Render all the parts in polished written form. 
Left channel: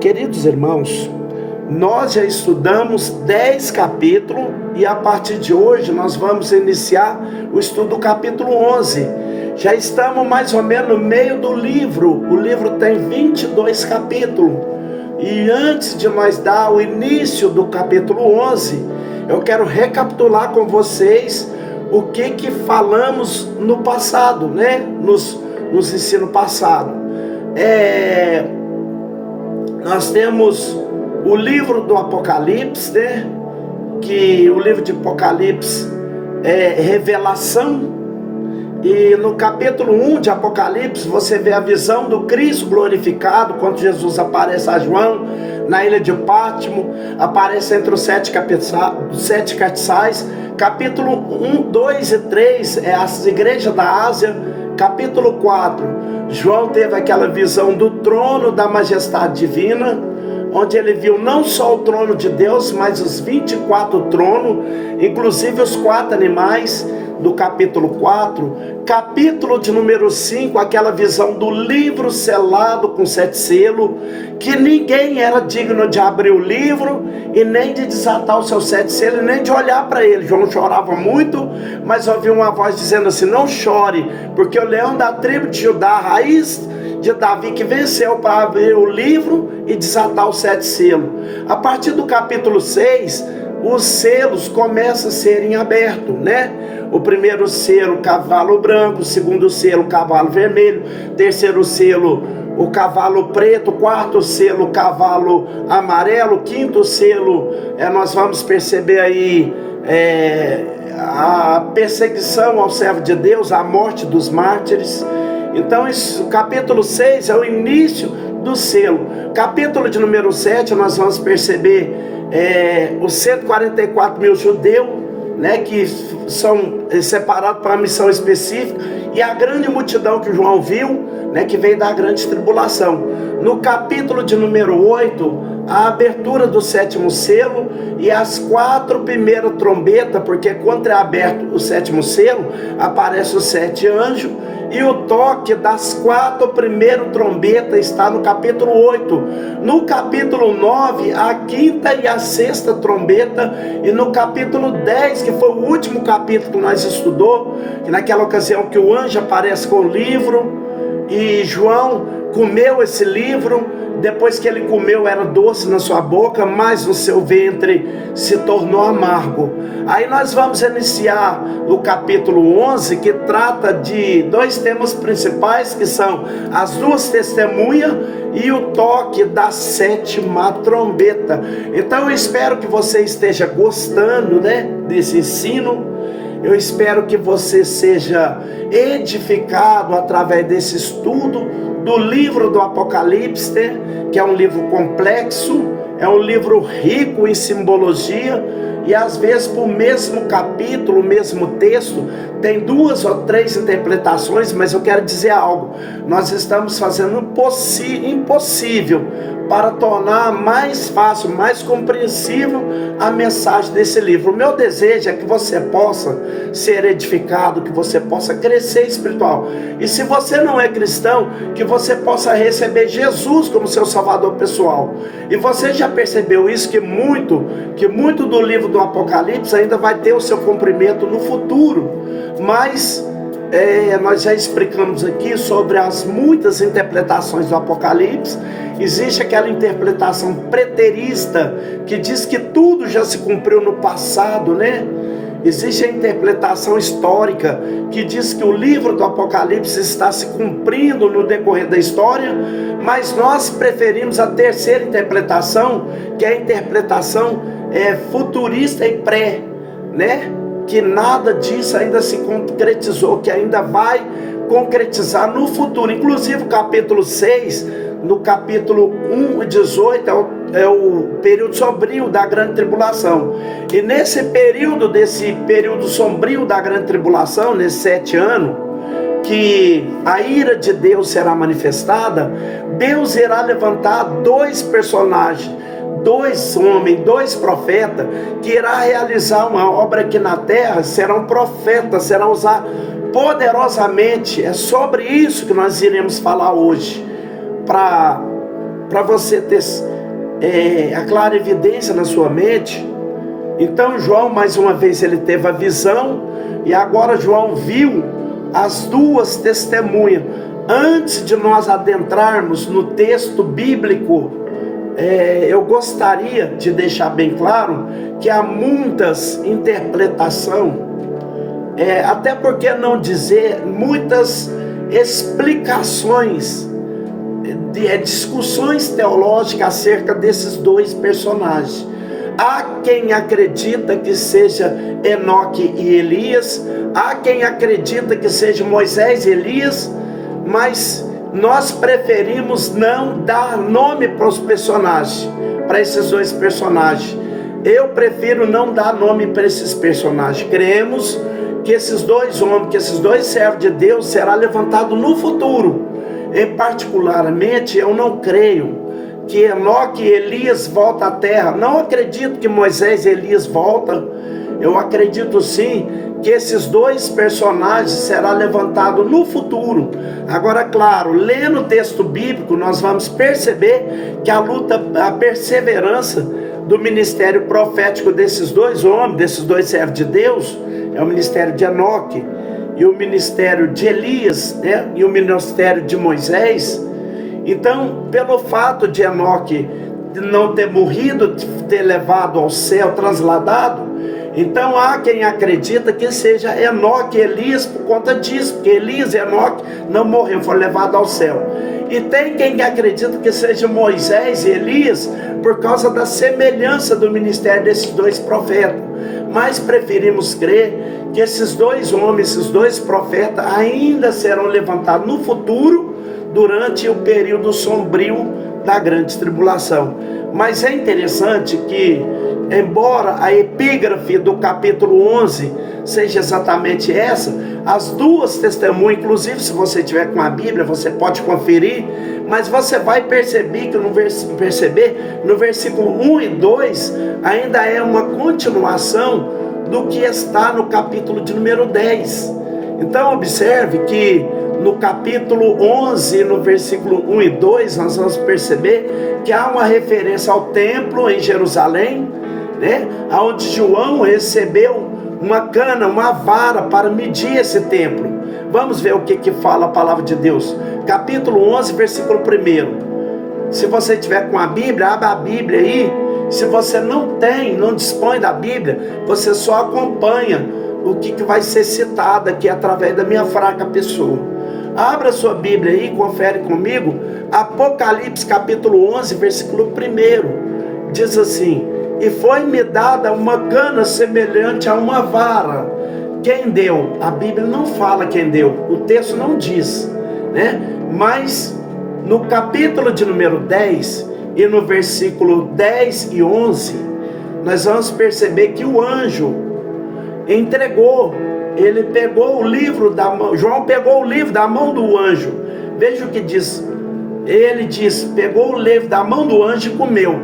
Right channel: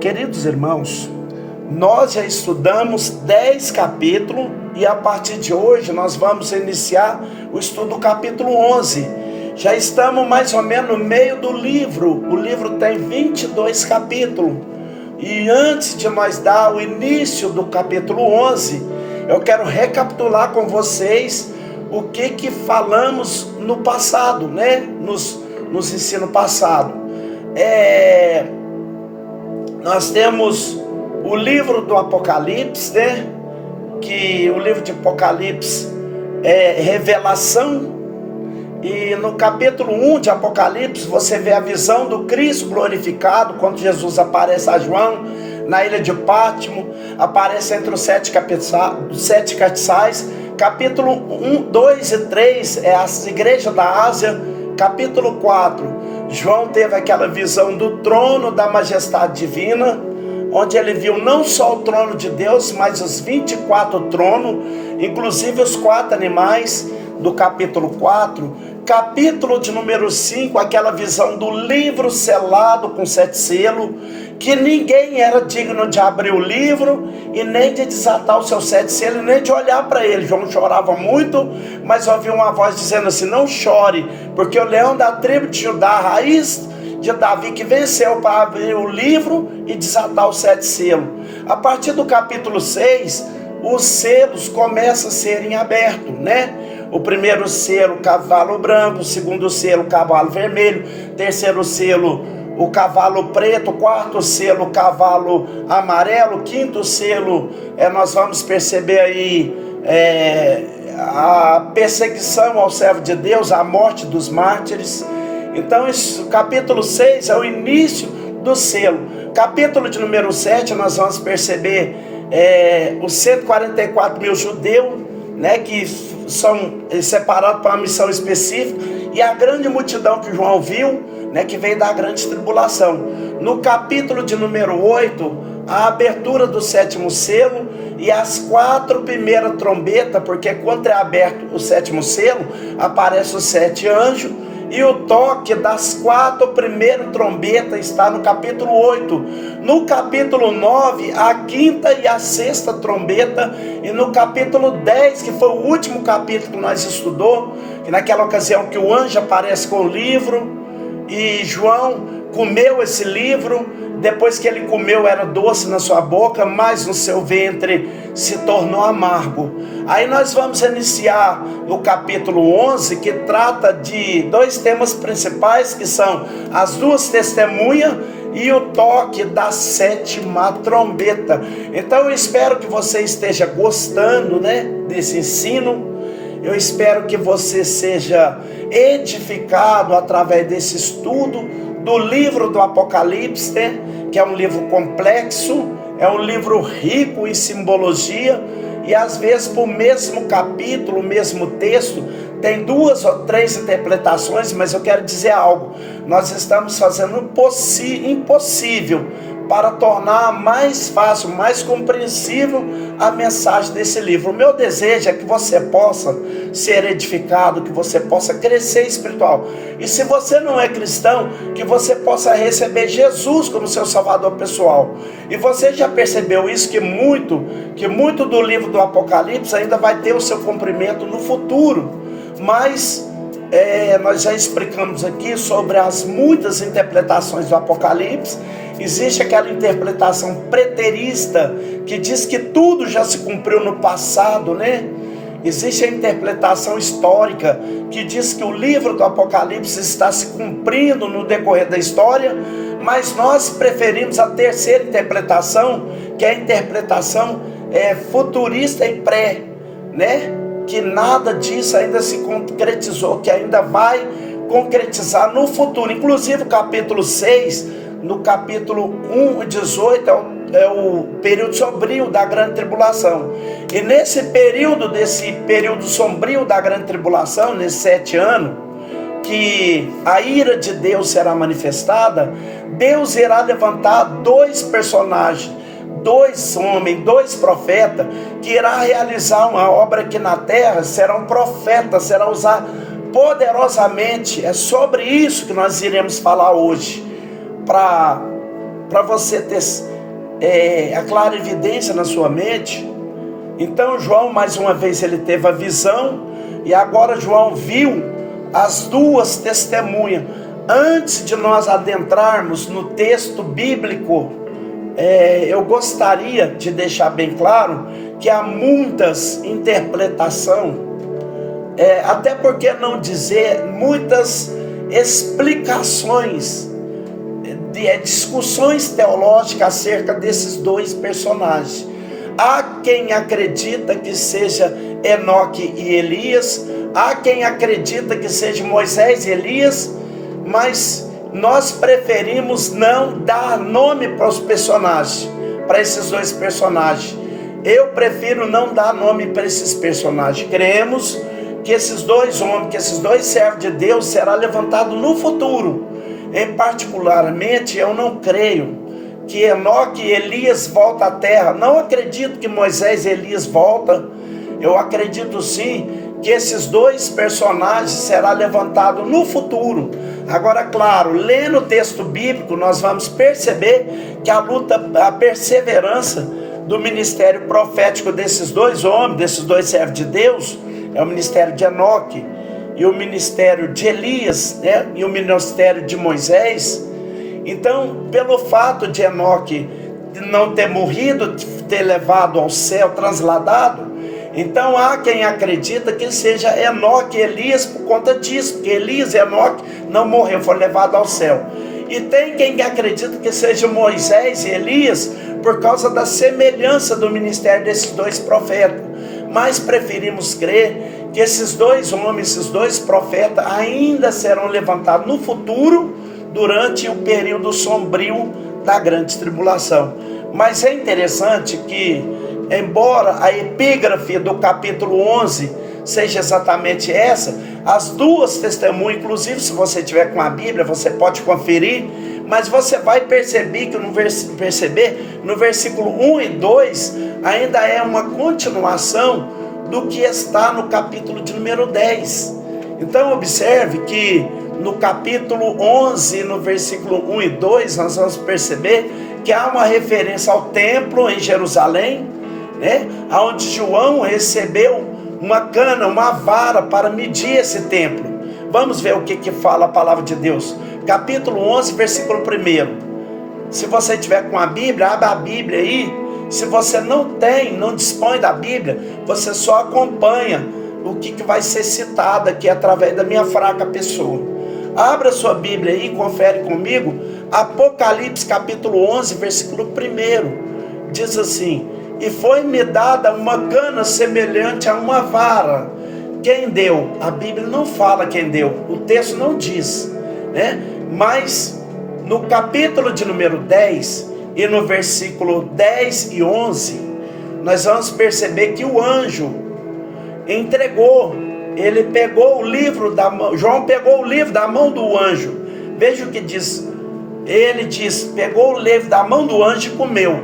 Queridos irmãos, nós já estudamos 10 capítulos e a partir de hoje nós vamos iniciar o estudo do capítulo 11. Já estamos mais ou menos no meio do livro. O livro tem 22 capítulos. E antes de nós dar o início do capítulo 11, eu quero recapitular com vocês o que falamos no passado, né? Nos ensinos passados. Nós temos o livro do Apocalipse, né? Que o livro de Apocalipse é revelação. E no capítulo 1 de Apocalipse você vê a visão do Cristo glorificado, quando Jesus aparece a João na ilha de Pátimo, aparece entre os sete castiçais. Capítulo 1, 2 e 3 é as igrejas da Ásia. Capítulo 4, João teve aquela visão do trono da majestade divina, onde ele viu não só o trono de Deus, mas os 24 tronos, inclusive os 4 animais do capítulo 4. Capítulo de número 5, aquela visão do livro selado com 7 selos, que ninguém era digno de abrir o livro e nem de desatar os seus 7 selos, nem de olhar para ele. João chorava muito, mas ouviu uma voz dizendo assim: não chore, porque o leão da tribo de Judá, a raiz de Davi, que venceu para abrir o livro e desatar os 7 selos. A partir do capítulo 6, os selos começam a serem abertos, né? O primeiro selo, cavalo branco; o segundo selo, cavalo vermelho; terceiro selo, o cavalo preto; quarto selo, cavalo amarelo; quinto selo, nós vamos perceber aí a perseguição ao servo de Deus, a morte dos mártires. Então o capítulo 6 é o início do selo. Capítulo de número 7, nós vamos perceber os 144 mil judeus, né, que são separados para uma missão específica, e a grande multidão que João viu, né, que veio da grande tribulação. No capítulo de número 8, a abertura do 7º selo e as 4 primeiras trombetas, porque quando é aberto o 7º selo, aparecem os 7 anjos, e o toque das 4 primeiras trombetas está no capítulo 8. No capítulo 9, a 5ª e a 6ª trombeta. E no capítulo 10, que foi o último capítulo que nós estudou, que naquela ocasião que o anjo aparece com o livro, e João comeu esse livro. Depois que ele comeu, era doce na sua boca, mas no seu ventre se tornou amargo. Aí nós vamos iniciar o capítulo 11, que trata de 2 temas principais, que são as 2 testemunhas e o toque da 7ª trombeta. Então eu espero que você esteja gostando, né, desse ensino. Eu espero que você seja edificado através desse estudo do livro do Apocalipse, né? Que é um livro complexo, é um livro rico em simbologia, e às vezes por mesmo capítulo, o mesmo texto, tem 2 ou 3 interpretações. Mas eu quero dizer algo: nós estamos fazendo o impossível para tornar mais fácil, mais compreensível a mensagem desse livro. O meu desejo é que você possa ser edificado, que você possa crescer espiritual. E se você não é cristão, que você possa receber Jesus como seu salvador pessoal. E você já percebeu isso, que muito do livro do Apocalipse ainda vai ter o seu cumprimento no futuro. Mas nós já explicamos aqui sobre as muitas interpretações do Apocalipse. Existe aquela interpretação preterista, que diz que tudo já se cumpriu no passado, né? Existe a interpretação histórica, que diz que o livro do Apocalipse está se cumprindo no decorrer da história. Mas nós preferimos a terceira interpretação, que é a interpretação futurista e pré, né? Que nada disso ainda se concretizou, que ainda vai concretizar no futuro. Inclusive o capítulo 6, no capítulo 1 e 18, é o período sombrio da grande tribulação. E nesse período sombrio da grande tribulação, nesses 7 anos, que a ira de Deus será manifestada, Deus irá levantar 2 personagens, 2 homens, 2 profetas, que irá realizar uma obra aqui na terra. Serão profetas, serão usados poderosamente. É sobre isso que nós iremos falar hoje, para para você ter a clara evidência na sua mente. Então João, mais uma vez, ele teve a visão, e agora João viu as duas testemunhas. Antes de nós adentrarmos no texto bíblico, eu gostaria de deixar bem claro que há muitas interpretações, até porque não dizer muitas explicações, discussões teológicas acerca desses dois personagens. Há quem acredita que seja Enoque e Elias, há quem acredita que seja Moisés e Elias, mas nós preferimos não dar nome para os personagens, para esses dois personagens. Eu prefiro não dar nome para esses personagens. Cremos que esses dois homens, que esses dois servos de Deus será levantado no futuro. Em particularmente, eu não creio que Enoque e Elias voltam à terra. Não acredito que Moisés e Elias voltam. Eu acredito sim que esses dois personagens serão levantados no futuro. Agora, claro, lendo o texto bíblico, nós vamos perceber que a luta, a perseverança do ministério profético desses dois homens, desses dois servos de Deus, é o ministério de Enoque e o ministério de Elias, né? E o ministério de Moisés. Então, pelo fato de Enoque não ter morrido, ter levado ao céu, transladado, então há quem acredita que seja Enoque e Elias por conta disso, porque Elias e Enoque não morreram, foram levados ao céu. E tem quem acredita que seja Moisés e Elias por causa da semelhança do ministério desses dois profetas. Mas preferimos crer que esses dois homens, esses dois profetas ainda serão levantados no futuro, durante o período sombrio da grande tribulação. Mas é interessante que, embora a epígrafe do capítulo 11 seja exatamente essa, as duas testemunhas, inclusive se você tiver com a Bíblia, você pode conferir, mas você vai perceber que no versículo 1 e 2 ainda é uma continuação do que está no capítulo de número 10. Então observe que no capítulo 11, no versículo 1 e 2, nós vamos perceber que há uma referência ao templo em Jerusalém, né? Onde João recebeu uma cana, uma vara para medir esse templo. Vamos ver o que fala a palavra de Deus. Capítulo 11, versículo 1. Se você tiver com a Bíblia, abra a Bíblia aí. Se você não dispõe da Bíblia, você só acompanha o que vai ser citado aqui através da minha fraca pessoa. Abra sua Bíblia aí, confere comigo. Apocalipse capítulo 11, versículo 1. Diz assim: e foi-me dada uma cana semelhante a uma vara. Quem deu? A Bíblia não fala quem deu, o texto não diz, né? Mas no capítulo de número 10 e no versículo 10 e 11, nós vamos perceber que o anjo entregou. Ele pegou o livro da mão, João pegou o livro da mão do anjo. Veja o que diz. Ele diz, pegou o livro da mão do anjo e comeu.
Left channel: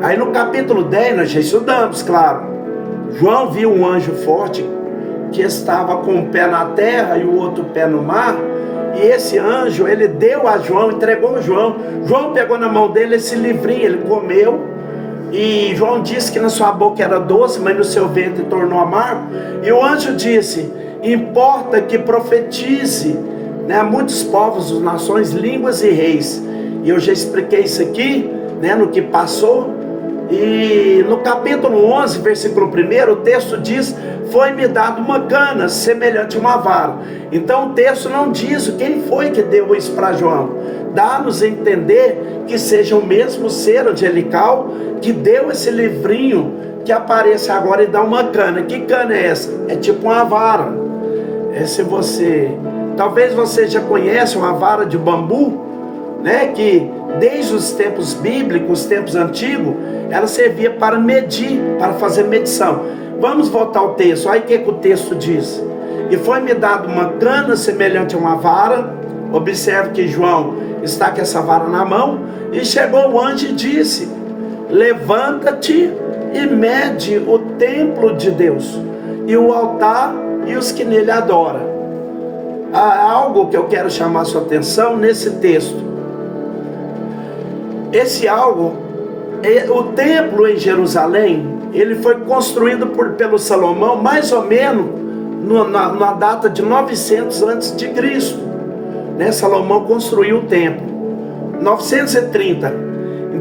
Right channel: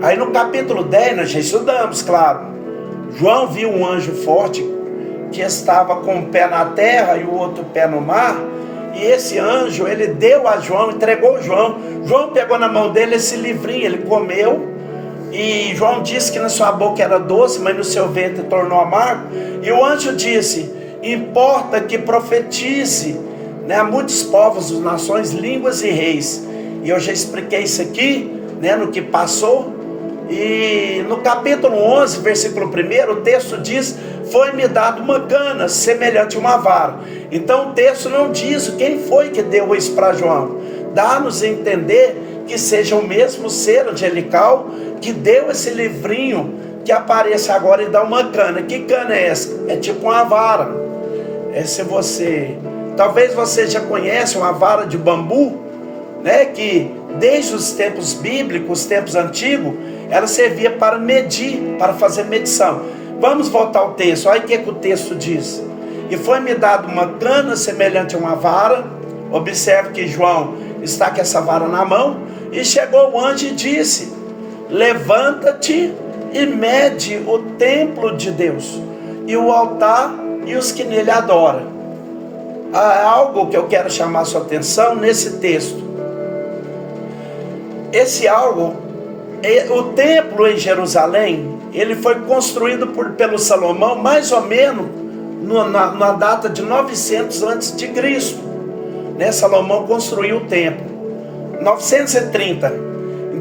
Aí no capítulo 10, nós já estudamos, claro. João viu um anjo forte que estava com um pé na terra e o outro pé no mar. E esse anjo, ele deu a João, entregou a João. João pegou na mão dele esse livrinho, ele comeu. E João disse que na sua boca era doce, mas no seu ventre tornou amargo. E o anjo disse: importa que profetize, né, a muitos povos, nações, línguas e reis. E eu já expliquei isso aqui, né, no que passou. E no capítulo 11, versículo 1, o texto diz: foi-me dado uma cana semelhante a uma vara. Então o texto não diz quem foi que deu isso para João. Dá-nos a entender que seja o mesmo ser angelical que deu esse livrinho que aparece agora e dá uma cana. Que cana é essa? É tipo uma vara. Talvez você já conhece uma vara de bambu, né? Que desde os tempos bíblicos, os tempos antigos, ela servia para medir, para fazer medição. Vamos voltar ao texto. Olha o que o texto diz. E foi-me dado uma cana semelhante a uma vara. Observe que João está com essa vara na mão. E chegou o anjo e disse: levanta-te e mede o templo de Deus, e o altar e os que nele adoram. Há algo que eu quero chamar sua atenção nesse texto. esse algo, o templo em Jerusalém, ele foi construído pelo Salomão mais ou menos na data de 900 antes de Cristo, né? Salomão construiu o templo 930.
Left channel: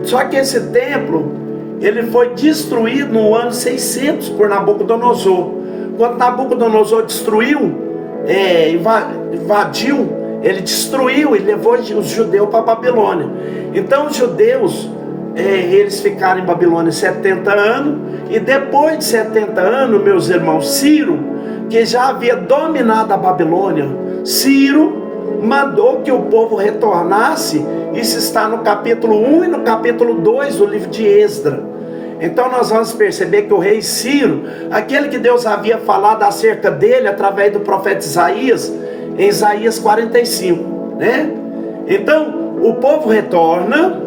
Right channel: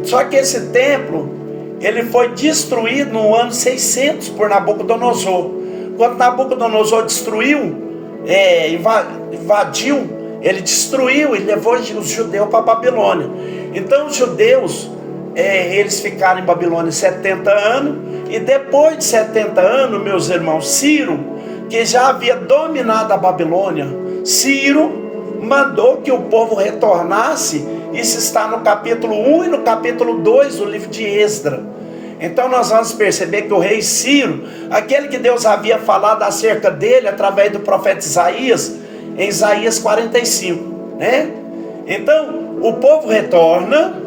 Só que esse templo ele foi destruído no ano 600 por Nabucodonosor. Quando Nabucodonosor destruiu, invadiu, ele destruiu e levou os judeus para a Babilônia. Então os judeus, eles ficaram em Babilônia 70 anos, e depois de 70 anos, meus irmãos, Ciro, que já havia dominado a Babilônia, Ciro mandou que o povo retornasse. Isso está no capítulo 1 e no capítulo 2 do livro de Esdras. Então nós vamos perceber que o rei Ciro, aquele que Deus havia falado acerca dele através do profeta Isaías, em Isaías 45, né? Então o povo retorna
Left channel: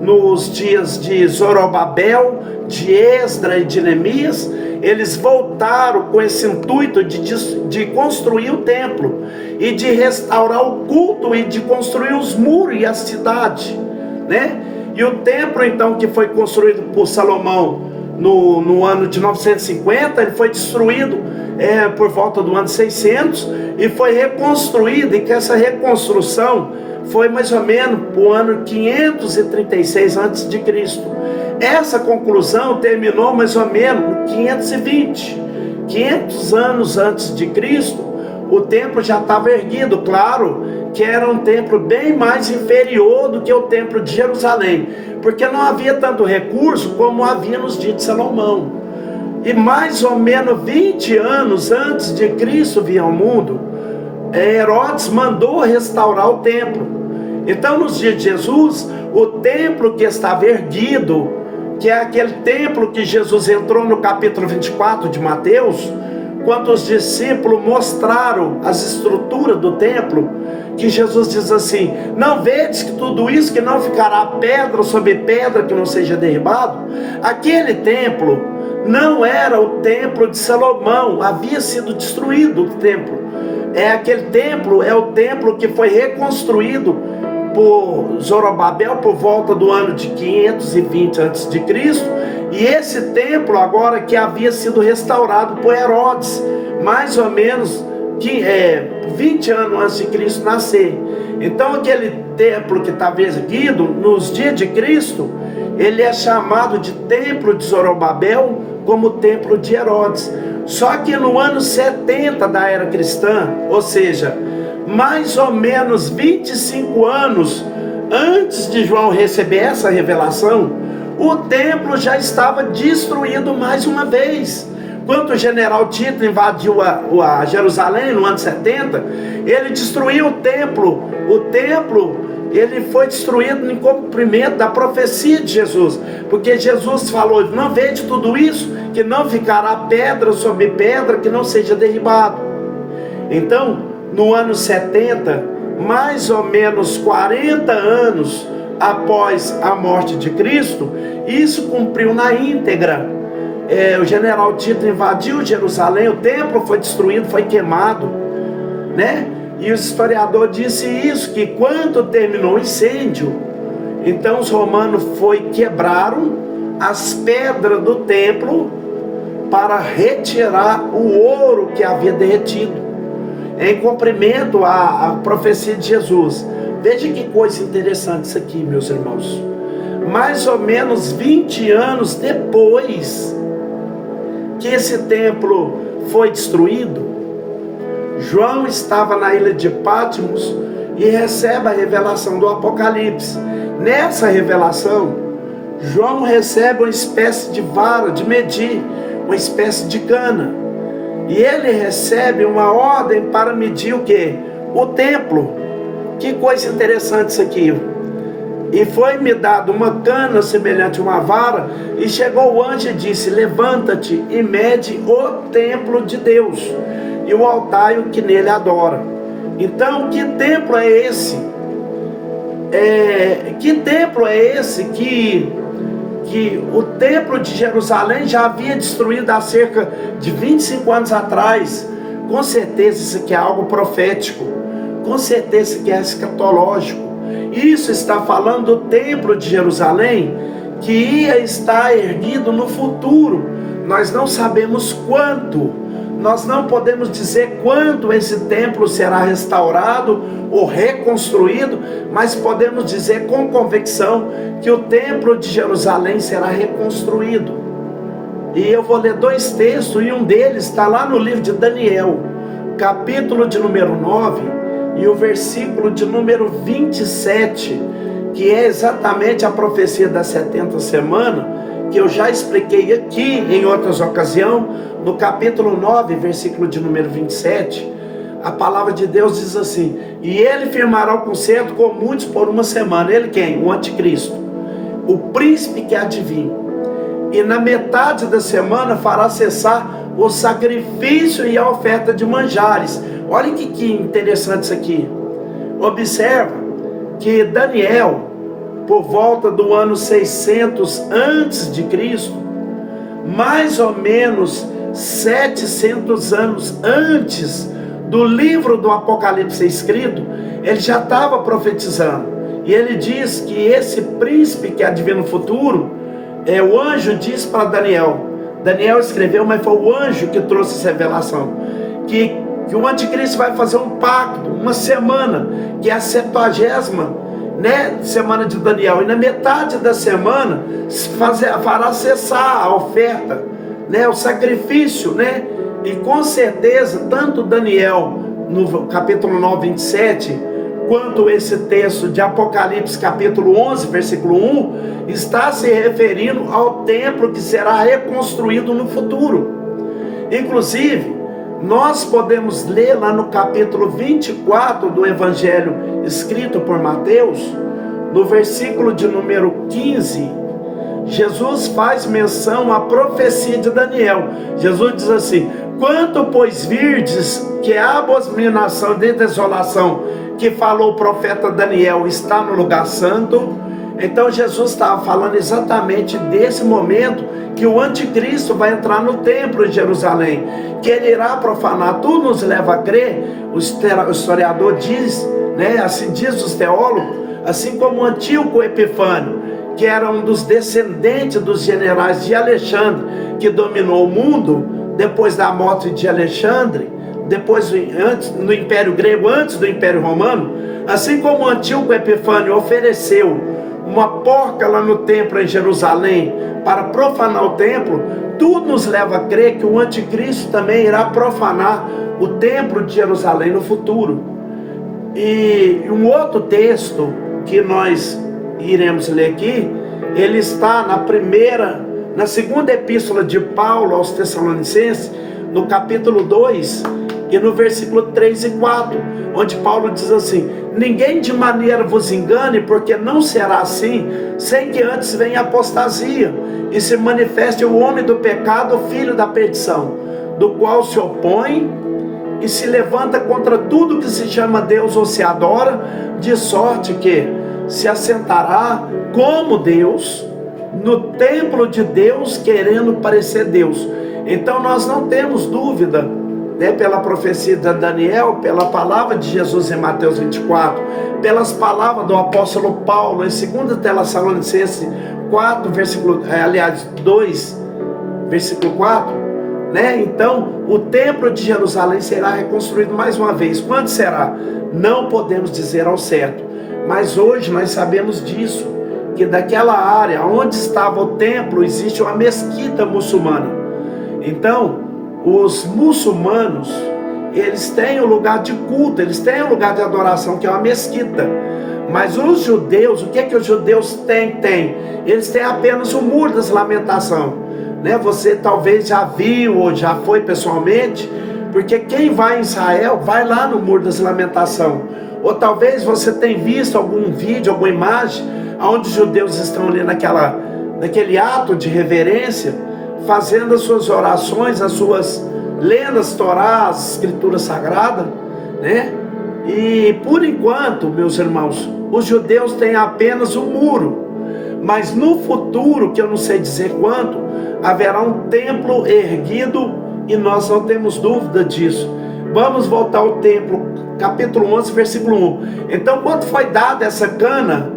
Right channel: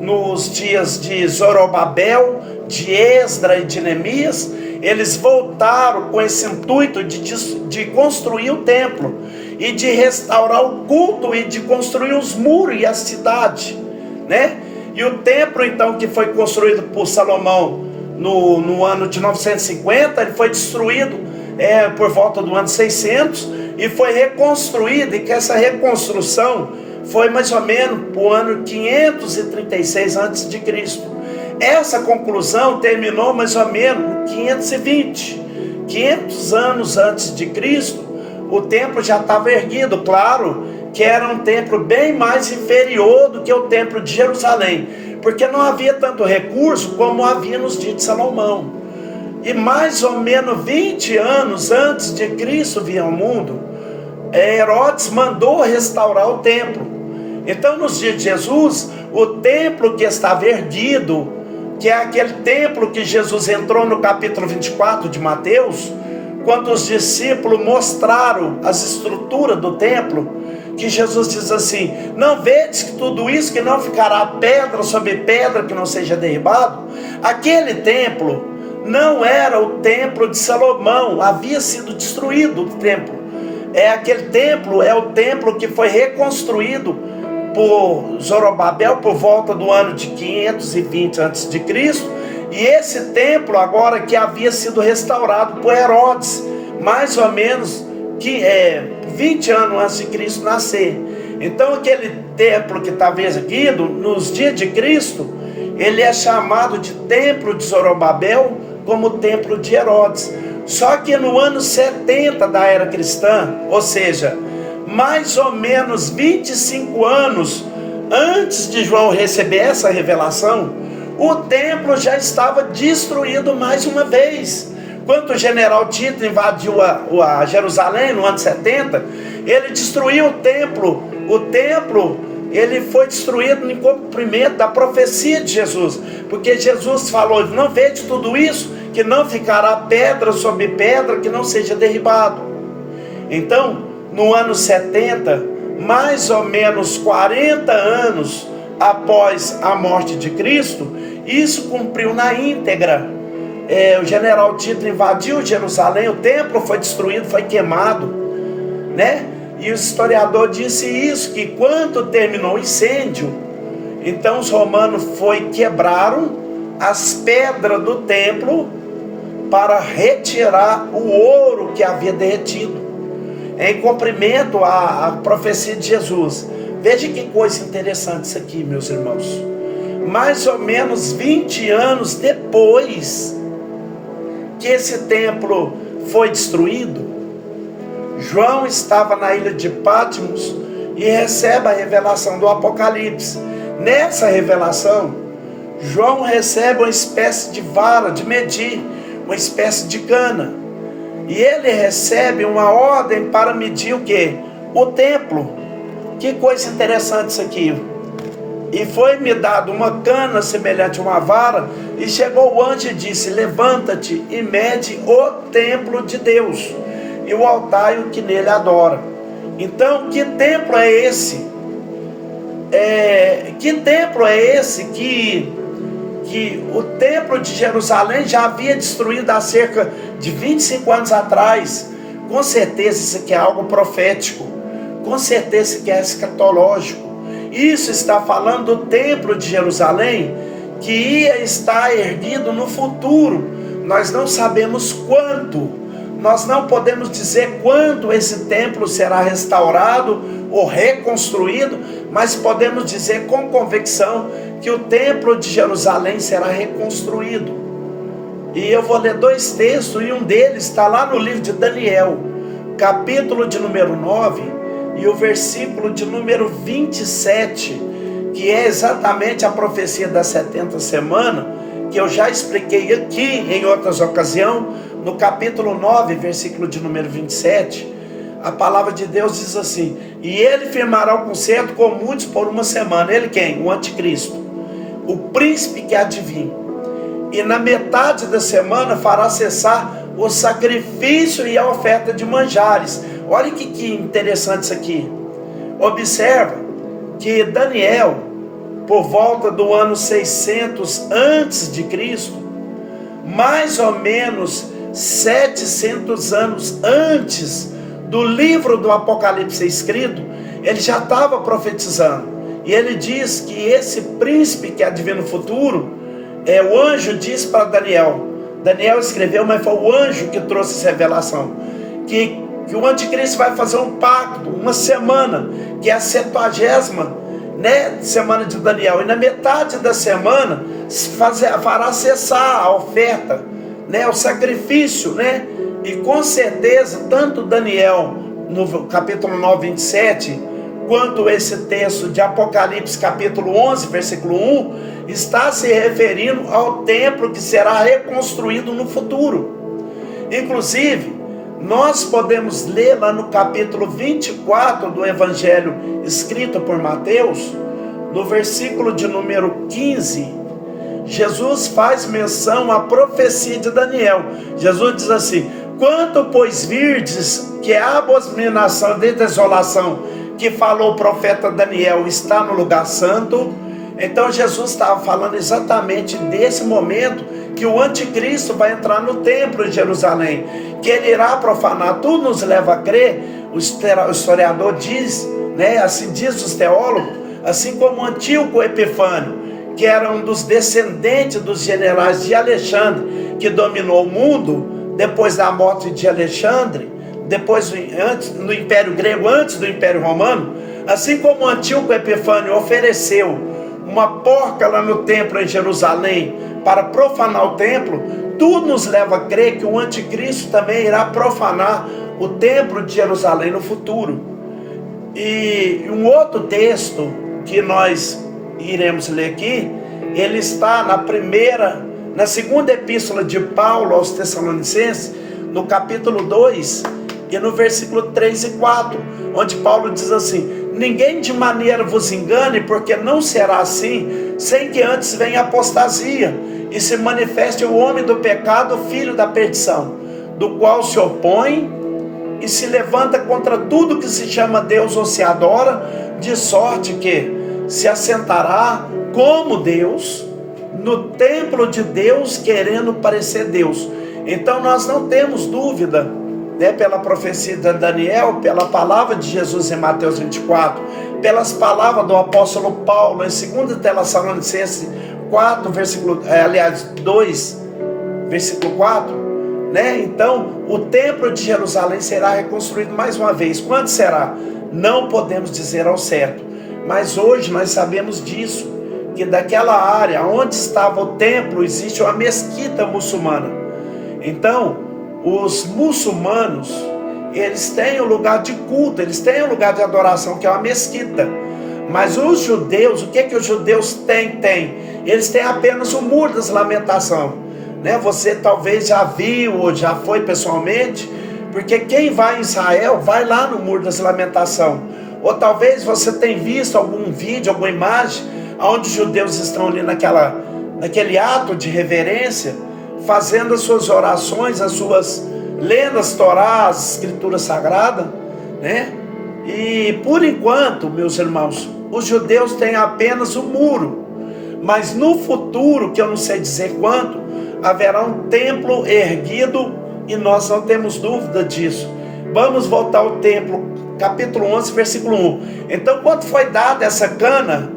nos dias de Zorobabel, de Esdras e de Neemias. Eles voltaram com esse intuito de construir o templo e de restaurar o culto e de construir os muros e a cidade, né? E o templo então que foi construído por Salomão no ano de 950, ele foi destruído por volta do ano 600 e foi reconstruído, e que essa reconstrução foi mais ou menos para o ano 536 antes de Cristo. Essa conclusão terminou mais ou menos em 500 anos antes de Cristo. O templo já estava erguido, claro que era um templo bem mais inferior do que o templo de Jerusalém, porque não havia tanto recurso como havia nos dias de Salomão. E mais ou menos 20 anos antes de Cristo vir ao mundo, Herodes mandou restaurar o templo. Então nos dias de Jesus, o templo que estava erguido, que é aquele templo que Jesus entrou no capítulo 24 de Mateus, quando os discípulos mostraram as estruturas do templo, que Jesus diz assim: não vedes que tudo isso que não ficará pedra sobre pedra que não seja derribado? Aquele templo não era o templo de Salomão, havia sido destruído o templo. Aquele templo é o templo que foi reconstruído por Zorobabel por volta do ano de 520 a.C. E esse templo agora que havia sido restaurado por Herodes, mais ou menos 20 anos antes de Cristo nascer. Então aquele templo que estava erguido nos dias de Cristo, ele é chamado de templo de Zorobabel, como templo de Herodes. Só que no ano 70 da era cristã, ou seja, mais ou menos 25 anos antes de João receber essa revelação, o templo já estava destruído mais uma vez. Quando o general Tito invadiu a Jerusalém no ano 70, ele destruiu o templo. O templo, ele foi destruído em cumprimento da profecia de Jesus, porque Jesus falou: não vede tudo isso, que não ficará pedra sobre pedra que não seja derribado. Então, no ano 70, mais ou menos 40 anos após a morte de Cristo, isso cumpriu na íntegra. O general Tito invadiu Jerusalém, o templo foi destruído, foi queimado, né? E o historiador disse isso, que quando terminou o incêndio, então os romanos quebraram as pedras do templo para retirar o ouro que havia derretido, em cumprimento à profecia de Jesus. Veja que coisa interessante isso aqui, meus irmãos. Mais ou menos 20 anos depois que esse templo foi destruído, João estava na ilha de Patmos e recebe a revelação do Apocalipse. Nessa revelação, João recebe uma espécie de vara de medir, uma espécie de cana, e ele recebe uma ordem para medir o quê? O templo. Que coisa interessante isso aqui. E foi-me dado uma cana semelhante a uma vara, e chegou o anjo e disse: levanta-te e mede o templo de Deus, e o altar e o que nele adora. Então, que templo é esse? Que templo é esse que o templo de Jerusalém já havia destruído há cerca de 25 anos atrás? Com certeza isso aqui é algo profético, com certeza isso aqui é escatológico. Isso está falando do templo de Jerusalém, que ia estar erguido no futuro. Nós não sabemos quanto, nós não podemos dizer quando esse templo será restaurado ou reconstruído, mas podemos dizer com convicção que o templo de Jerusalém será reconstruído. E eu vou ler 2 textos, e um deles está lá no livro de Daniel, capítulo de número 9, e o versículo de número 27, que é exatamente a profecia das 70 semanas, que eu já expliquei aqui em outras ocasiões. No capítulo 9, versículo de número 27, a palavra de Deus diz assim: e ele firmará o concerto com muitos por uma semana. Ele quem? O anticristo, o príncipe que há de vir. E na metade da semana fará cessar o sacrifício e a oferta de manjares. Olha que interessante isso aqui. Observa que Daniel, por volta do ano 600 antes de Cristo, mais ou menos 700 anos antes do livro do Apocalipse ser escrito, ele já estava profetizando. E ele diz que esse príncipe que advém no futuro, o anjo disse para Daniel. Daniel escreveu, mas foi o anjo que trouxe essa revelação, que o anticristo vai fazer um pacto, uma semana, que é a 70ª, semana de Daniel, e na metade da semana fará cessar a oferta, o sacrifício, e com certeza tanto Daniel no capítulo 9, 27, quanto esse texto de Apocalipse capítulo 11, versículo 1, está se referindo ao templo que será reconstruído no futuro. Inclusive, nós podemos ler lá no capítulo 24 do Evangelho escrito por Mateus, no versículo de número 15, Jesus faz menção à profecia de Daniel. Jesus diz assim: quanto pois virdes que a abominação de desolação que falou o profeta Daniel está no lugar santo. Então Jesus estava falando exatamente desse momento que o anticristo vai entrar no templo de Jerusalém, que ele irá profanar. Tudo nos leva a crer, o historiador diz, assim diz os teólogos, assim como Antíoco Epifânio, que era um dos descendentes dos generais de Alexandre, que dominou o mundo depois da morte de Alexandre, depois antes, no Império Grego, antes do Império Romano. Assim como Antíoco Epifânio ofereceu uma porca lá no templo em Jerusalém para profanar o templo, tudo nos leva a crer que o anticristo também irá profanar o templo de Jerusalém no futuro. E um outro texto que nós iremos ler aqui, ele está na segunda epístola de Paulo aos Tessalonicenses, no capítulo 2 e no versículo 3 e 4, onde Paulo diz assim: ninguém de maneira vos engane, porque não será assim, sem que antes venha a apostasia, e se manifeste o homem do pecado, o filho da perdição, do qual se opõe e se levanta contra tudo que se chama Deus ou se adora, de sorte que se assentará como Deus no templo de Deus, querendo parecer Deus. Então nós não temos dúvida, pela profecia de Daniel, pela palavra de Jesus em Mateus 24, pelas palavras do apóstolo Paulo em 2 Tessalonicenses 4, 2, versículo 4, Então, o templo de Jerusalém será reconstruído mais uma vez. Quando será? Não podemos dizer ao certo, mas hoje nós sabemos disso, que daquela área onde estava o templo existe uma mesquita muçulmana. Então, os muçulmanos, eles têm um lugar de culto, eles têm um lugar de adoração, que é uma mesquita. Mas os judeus, o que que os judeus têm? Eles têm apenas o Muro das Lamentações, Você talvez já viu ou já foi pessoalmente, porque quem vai em Israel vai lá no Muro das Lamentações. Ou talvez você tenha visto algum vídeo, alguma imagem, onde os judeus estão ali naquele ato de reverência, fazendo as suas orações, lendo as Torá, as escrituras sagradas, E por enquanto, meus irmãos, os judeus têm apenas o muro, mas no futuro, que eu não sei dizer quando, haverá um templo erguido, e nós não temos dúvida disso. Vamos voltar ao templo capítulo 11, versículo 1. Então, quando foi dada essa cana,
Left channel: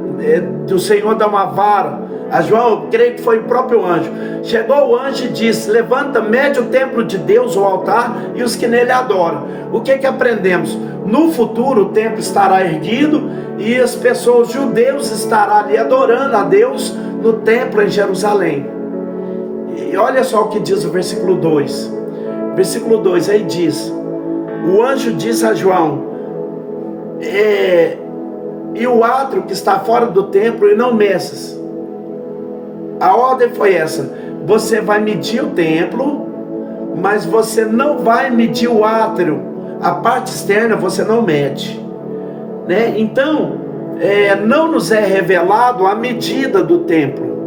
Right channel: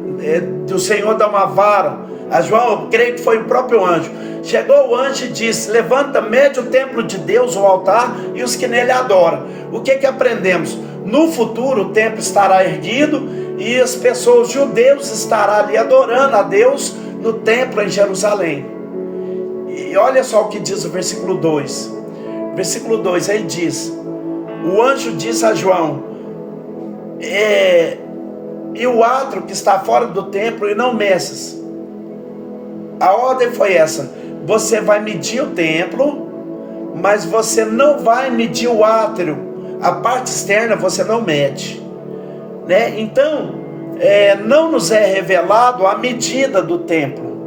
do Senhor dar uma vara a João, eu creio que foi o próprio anjo. Chegou o anjo e disse: levanta, mede o templo de Deus, o altar, e os que nele adoram. O que aprendemos? No futuro o templo estará erguido, e as pessoas, os judeus, estarão ali adorando a Deus no templo em Jerusalém. E olha só o que diz o versículo 2. Versículo 2, aí diz: o anjo disse a João: e o átrio que está fora do templo, e não meças. A ordem foi essa: você vai medir o templo, mas você não vai medir o átrio. A parte externa você não mede, né? Então, não nos é revelado a medida do templo.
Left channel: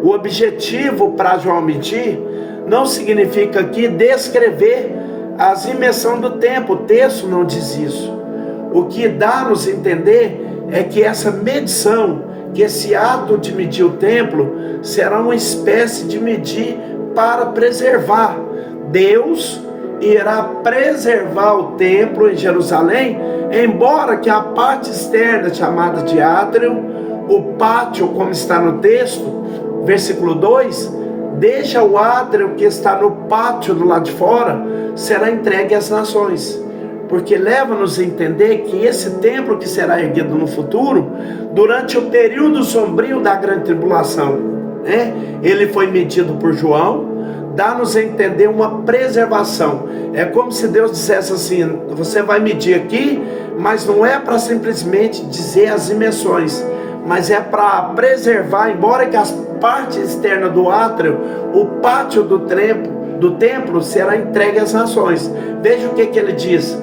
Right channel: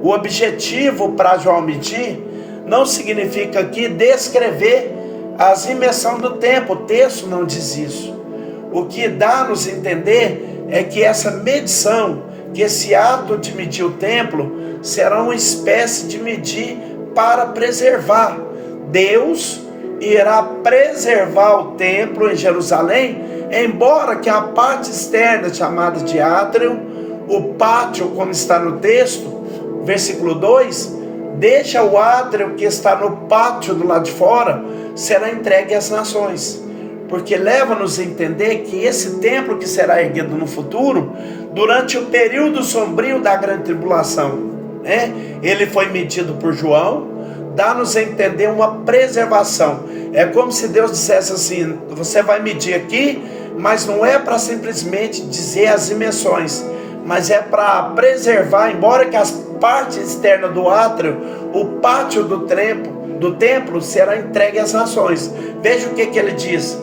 O objetivo para João medir não significa aqui descrever as dimensões do templo. O texto não diz isso. O que dá-nos a entender é que essa medição, que esse ato de medir o templo, será uma espécie de medir para preservar. Deus irá preservar o templo em Jerusalém, embora que a parte externa, chamada de átrio, o pátio, como está no texto, versículo 2, deixa o átrio que está no pátio do lado de fora, será entregue às nações. Porque leva-nos a entender que esse templo que será erguido no futuro, durante o período sombrio da grande tribulação, né? Ele foi medido por João, dá-nos a entender uma preservação. É como se Deus dissesse assim: você vai medir aqui, mas não é para simplesmente dizer as dimensões, mas é para preservar, embora que as partes externas do átrio, o pátio do templo será entregue às nações. Veja o que ele diz:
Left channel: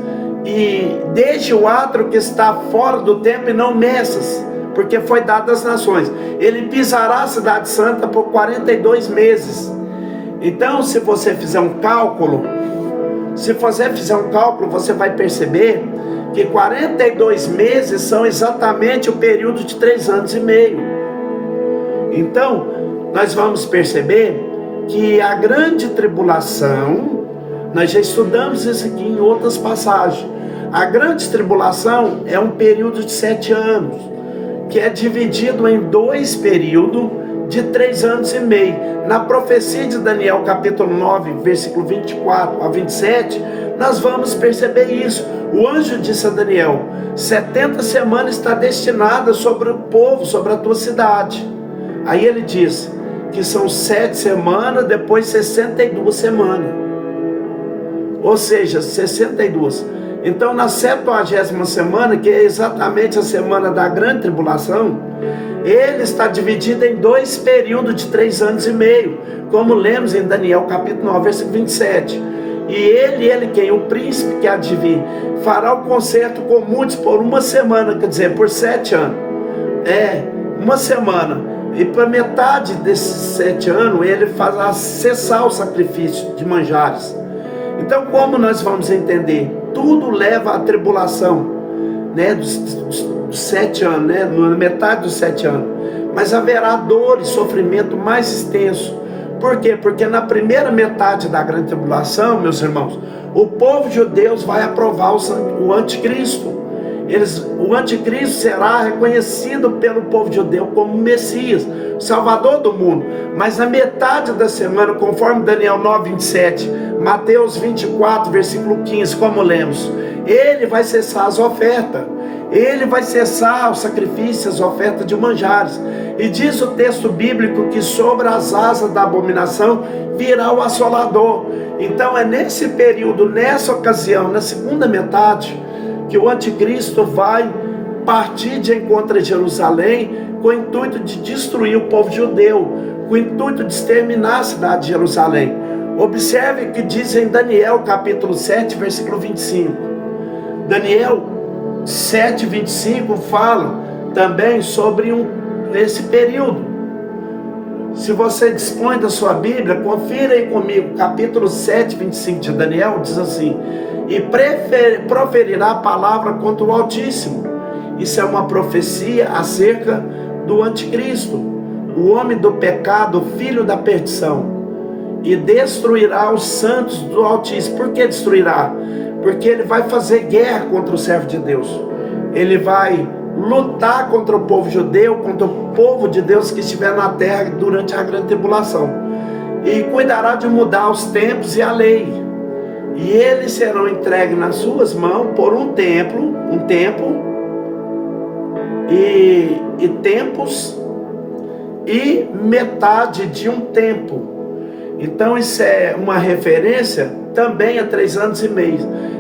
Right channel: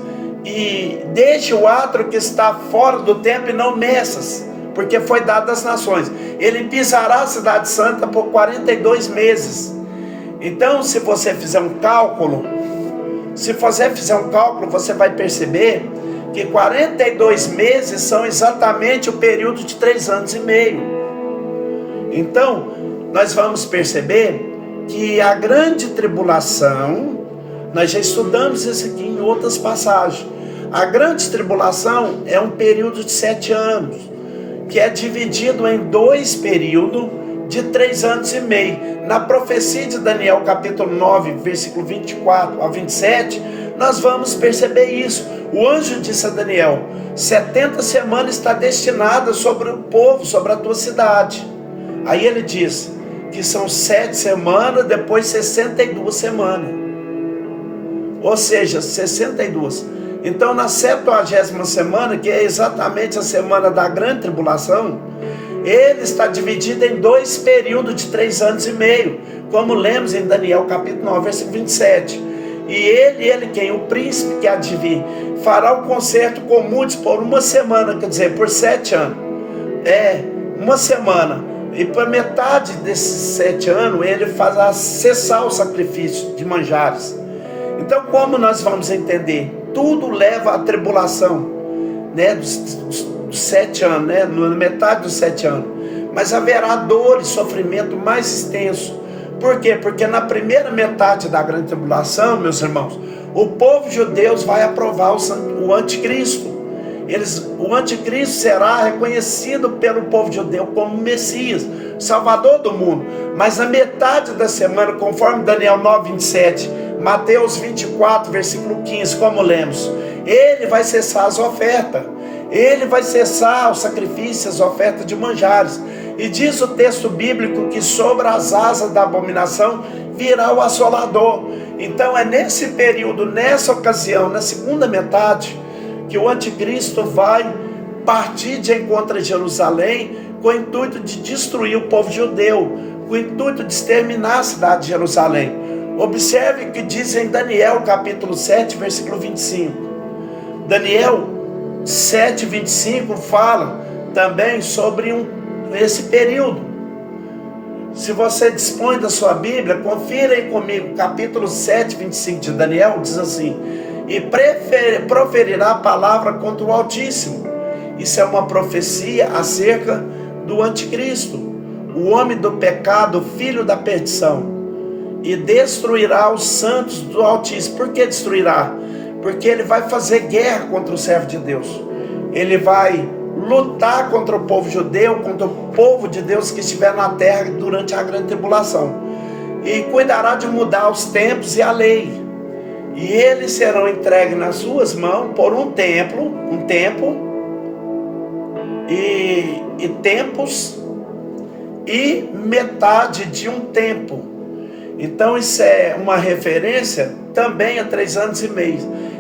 e deixe o átrio que está fora do templo e não meças, porque foi dado às nações. Ele pisará a cidade santa por 42 meses. Então, se você fizer um cálculo, você vai perceber que 42 meses são exatamente o período de 3 anos e meio. Então, nós vamos perceber que a grande tribulação, nós já estudamos isso aqui em outras passagens. A grande tribulação é um período de 7 anos, que é dividido em 2 períodos de 3 anos e meio. Na profecia de Daniel, capítulo 9, versículo 24 a 27, nós vamos perceber isso. O anjo disse a Daniel: 70 semanas está destinada sobre o povo, sobre a tua cidade. Aí ele diz que são 7 semanas, depois 62 semanas. Ou seja, 62. Então, na 70ª semana, que é exatamente a semana da grande tribulação, ele está dividido em 2 períodos de 3 anos e meio, como lemos em Daniel capítulo 9, versículo 27. E ele quem? O príncipe que há de vir, fará o concerto com muitos por 1 semana, quer dizer, por 7 anos. 1 semana. E para metade desses 7 anos, ele fará cessar o sacrifício de manjares. Então, como nós vamos entender? Tudo leva à tribulação, né, dos 7 anos, né, na metade dos 7 anos. Mas haverá dor e sofrimento mais extenso. Por quê? Porque na primeira metade da grande tribulação, meus irmãos, o povo judeu vai aprovar o anticristo. O anticristo será reconhecido pelo povo judeu como Messias, Salvador do mundo. Mas na metade da semana, conforme Daniel 9, 27, Mateus 24, versículo 15, como lemos, ele vai cessar as ofertas, ele vai cessar os sacrifícios, as ofertas de manjares. E diz o texto bíblico que sobre as asas da abominação virá o assolador. Então é nesse período, nessa ocasião, na segunda metade, que o anticristo vai partir de encontro a Jerusalém com o intuito de destruir o povo judeu, com o intuito de exterminar a cidade de Jerusalém. Observe o que diz em Daniel capítulo 7, versículo 25. Daniel 7, 25 fala também sobre esse período. Se você dispõe da sua Bíblia, confira aí comigo, capítulo 7, 25 de Daniel, diz assim: e proferirá a palavra contra o Altíssimo. Isso é uma profecia acerca do anticristo, o homem do pecado, o filho da perdição, e destruirá os santos do Altíssimo. Por que destruirá? porque ele vai fazer guerra contra o servo de Deus. Ele vai lutar contra o povo judeu, contra o povo de Deus que estiver na terra durante a grande tribulação. E cuidará de mudar os tempos e a lei. E eles serão entregues nas suas mãos por um tempo e tempos e metade de um tempo. Então isso é uma referência também a 3 anos e meio.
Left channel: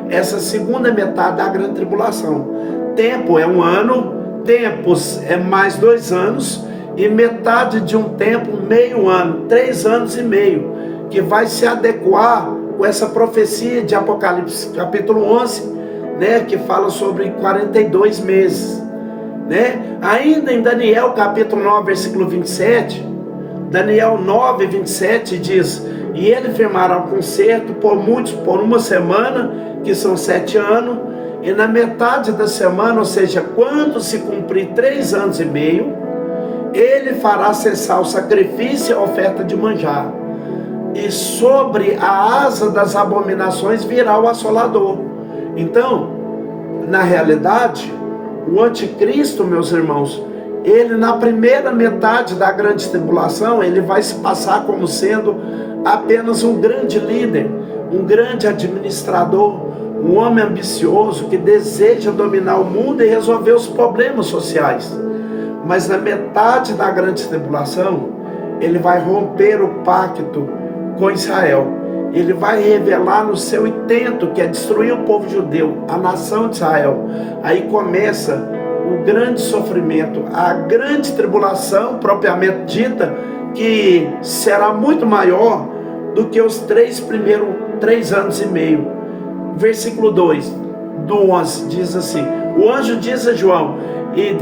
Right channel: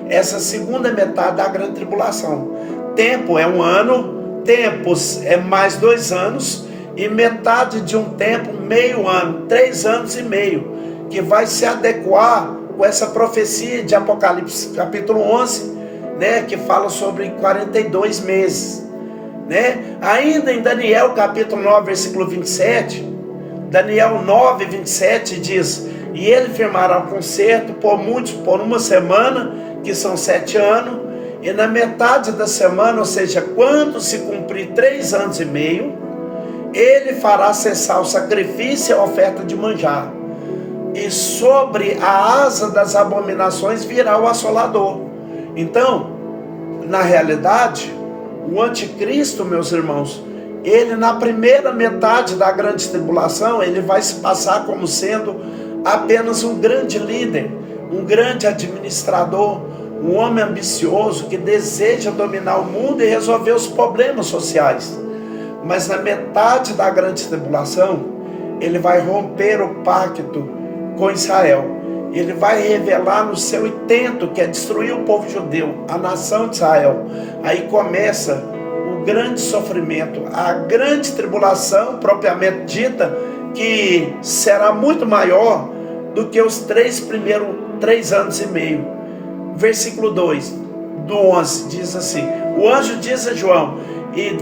Essa segunda metade da grande tribulação. Tempo é 1 ano, tempos é mais 2 anos e metade de um tempo, meio ano, 3 anos e meio, que vai se adequar com essa profecia de Apocalipse capítulo 11, né, que fala sobre 42 meses, né? Ainda em Daniel capítulo 9, versículo 27, Daniel 9, 27 diz: e ele firmará um concerto por muitos, por 1 semana, que são 7 anos, e na metade da semana, ou seja, quando se cumprir 3 anos e meio, ele fará cessar o sacrifício e a oferta de manjar, e sobre a asa das abominações virá o assolador. Então, na realidade, o anticristo, meus irmãos, ele na primeira metade da grande tribulação, ele vai se passar como sendo apenas um grande líder, um grande administrador, um homem ambicioso que deseja dominar o mundo e resolver os problemas sociais. Mas na metade da grande tribulação, ele vai romper o pacto com Israel. Ele vai revelar no seu intento, que é destruir o povo judeu, a nação de Israel. Aí começa o grande sofrimento, a grande tribulação propriamente dita, que será muito maior do que os 3 anos e meio. Versículo 2 do 11 diz assim: o anjo diz a João: e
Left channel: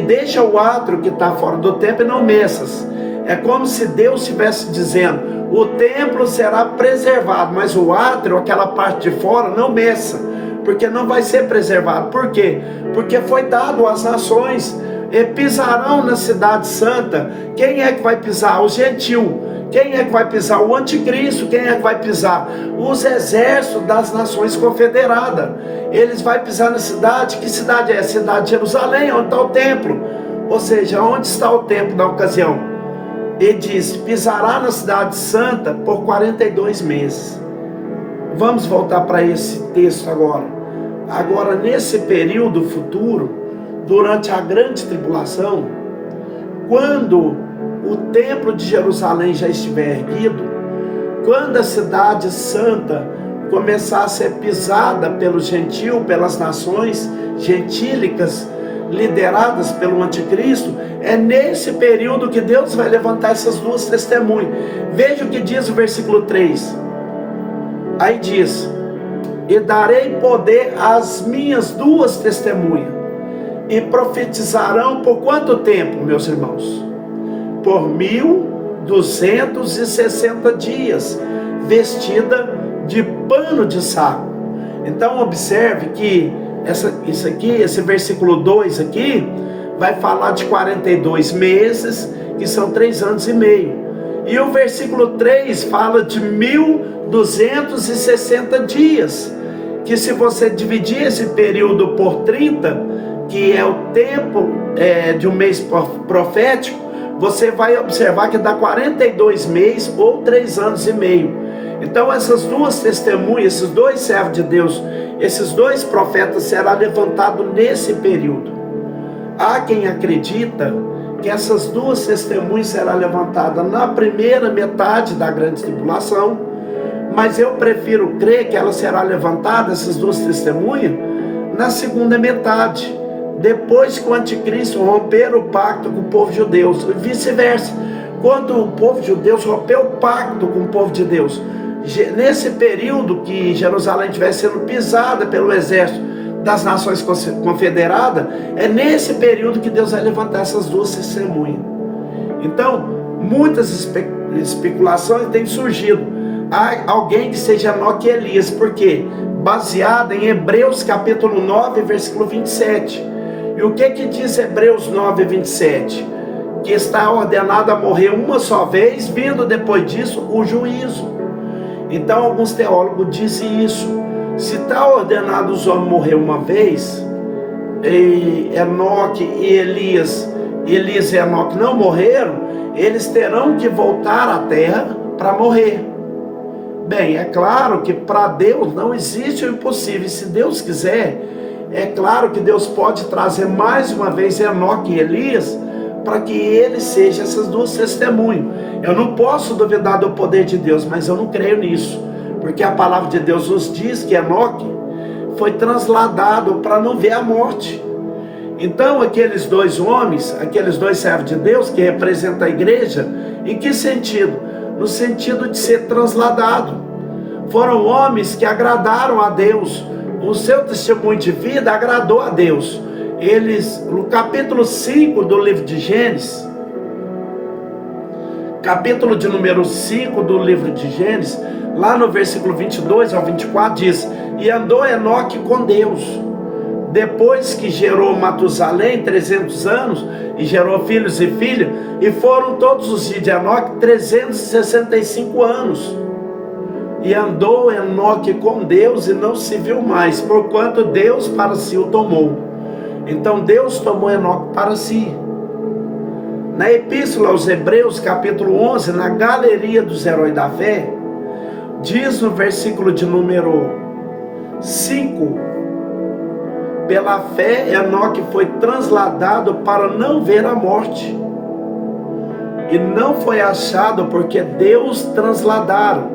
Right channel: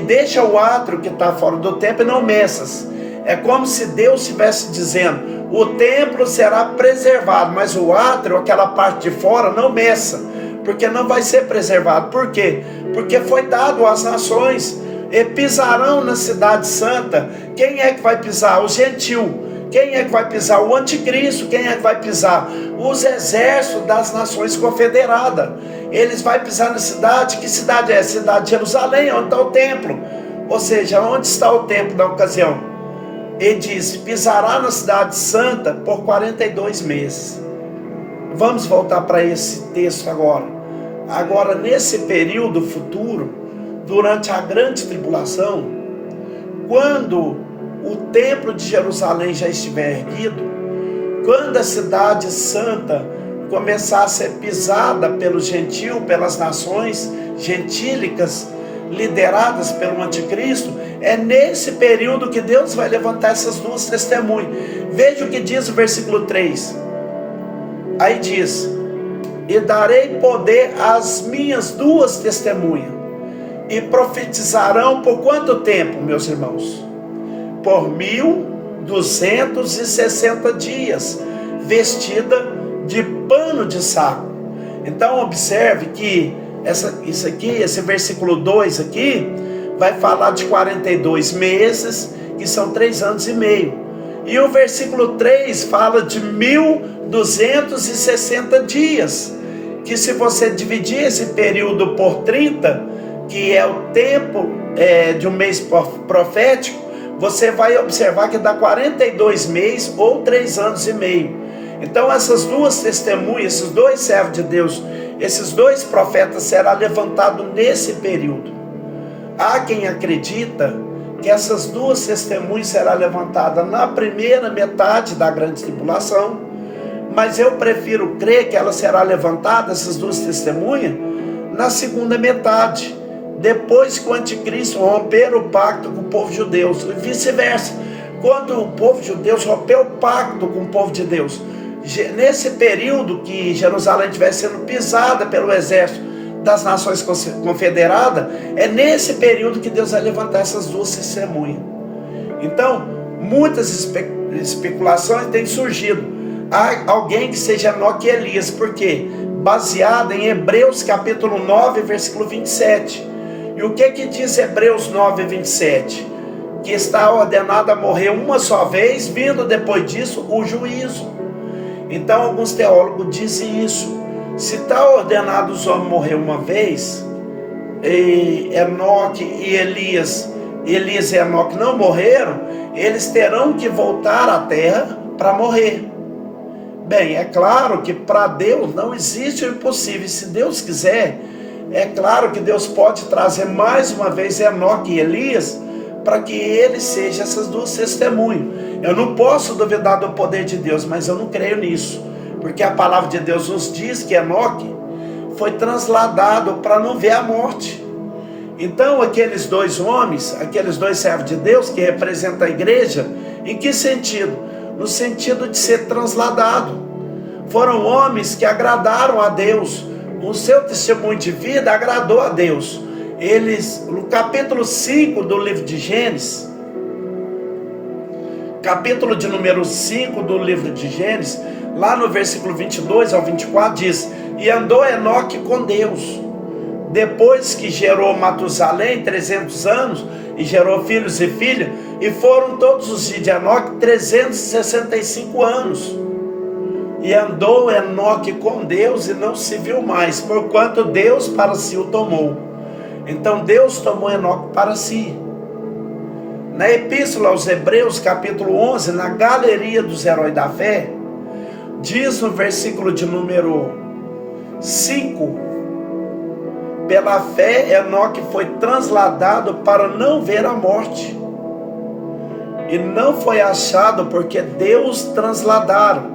deixa o átrio que está fora do templo e não mexas. É como se Deus estivesse dizendo: o templo será preservado, mas o átrio, aquela parte de fora, não meça, porque não vai ser preservado. Por quê? Porque foi dado às nações, e pisarão na cidade santa. Quem é que vai pisar? Os gentios. Quem é que vai pisar? O anticristo. Quem é que vai pisar? Os exércitos das nações confederadas. Eles vão pisar na cidade. Que cidade é? A cidade de Jerusalém, onde está o templo. Ou seja, onde está o templo na ocasião? Ele diz: pisará na cidade santa por 42 meses. Vamos voltar para esse texto agora. Agora, nesse período futuro, durante a grande tribulação, quando o templo de Jerusalém já estiver erguido, quando a cidade santa começar a ser pisada pelos gentios, pelas nações gentílicas, lideradas pelo anticristo, é nesse período que Deus vai levantar essas 2 testemunhas. Veja o que diz o versículo 3. Aí diz: e darei poder às minhas 2 testemunhas, e profetizarão por quanto tempo, meus irmãos? Por 1260 dias, vestida de pano de saco. Então observe que esse versículo 2 aqui, vai falar de 42 meses, que são 3 anos e meio. E o versículo 3 fala de 1260 dias, que se você dividir esse período por 30, que é o tempo de um mês profético, você vai observar que dá 42 meses ou 3 anos e meio. Então essas 2 testemunhas, esses 2 servos de Deus, esses 2 profetas serão levantados nesse período. Há quem acredita que essas 2 testemunhas serão levantadas na primeira metade da grande tribulação, mas eu prefiro crer que ela será levantada, essas 2 testemunhas, na segunda metade, depois que o anticristo romper o pacto com o povo judeu, e vice-versa. Quando o povo judeu rompeu o pacto com o povo de Deus, nesse período que Jerusalém estiver sendo pisada pelo exército das nações confederadas, é nesse período que Deus vai levantar essas 2 testemunhas. Então, muitas especulações têm surgido. Há alguém que seja menor que Elias, porque baseada em Hebreus capítulo 9, versículo 27. E o que diz Hebreus 9, 27? Que está ordenado a morrer uma só vez, vindo depois disso o juízo. Então alguns teólogos dizem isso. Se está ordenado os homens morrer uma vez, e Enoque e Elias e Enoque não morreram, eles terão que voltar à terra para morrer. Bem, é claro que para Deus não existe o impossível. Se Deus quiser, é claro que Deus pode trazer mais uma vez Enoque e Elias para que eles sejam essas duas testemunhas. Eu não posso duvidar do poder de Deus, mas eu não creio nisso, porque a palavra de Deus nos diz que Enoque foi transladado para não ver a morte. Então aqueles dois homens, aqueles dois servos de Deus que representam a igreja, em que sentido? No sentido de ser transladado. Foram homens que agradaram a Deus. O seu testemunho de vida agradou a Deus. Eles, no capítulo 5 do livro de Gênesis, capítulo de número 5 do livro de Gênesis, lá no versículo 22 ao 24 diz: e andou Enoque com Deus, depois que gerou Matusalém 300 anos, e gerou filhos e filhas, e foram todos os dias de Enoque 365 anos. E andou Enoque com Deus e não se viu mais, porquanto Deus para si o tomou. Então Deus tomou Enoque para si. Na Epístola aos Hebreus, capítulo 11, na galeria dos heróis da fé, diz no versículo de número 5: pela fé Enoque foi transladado para não ver a morte, e não foi achado porque Deus transladaram,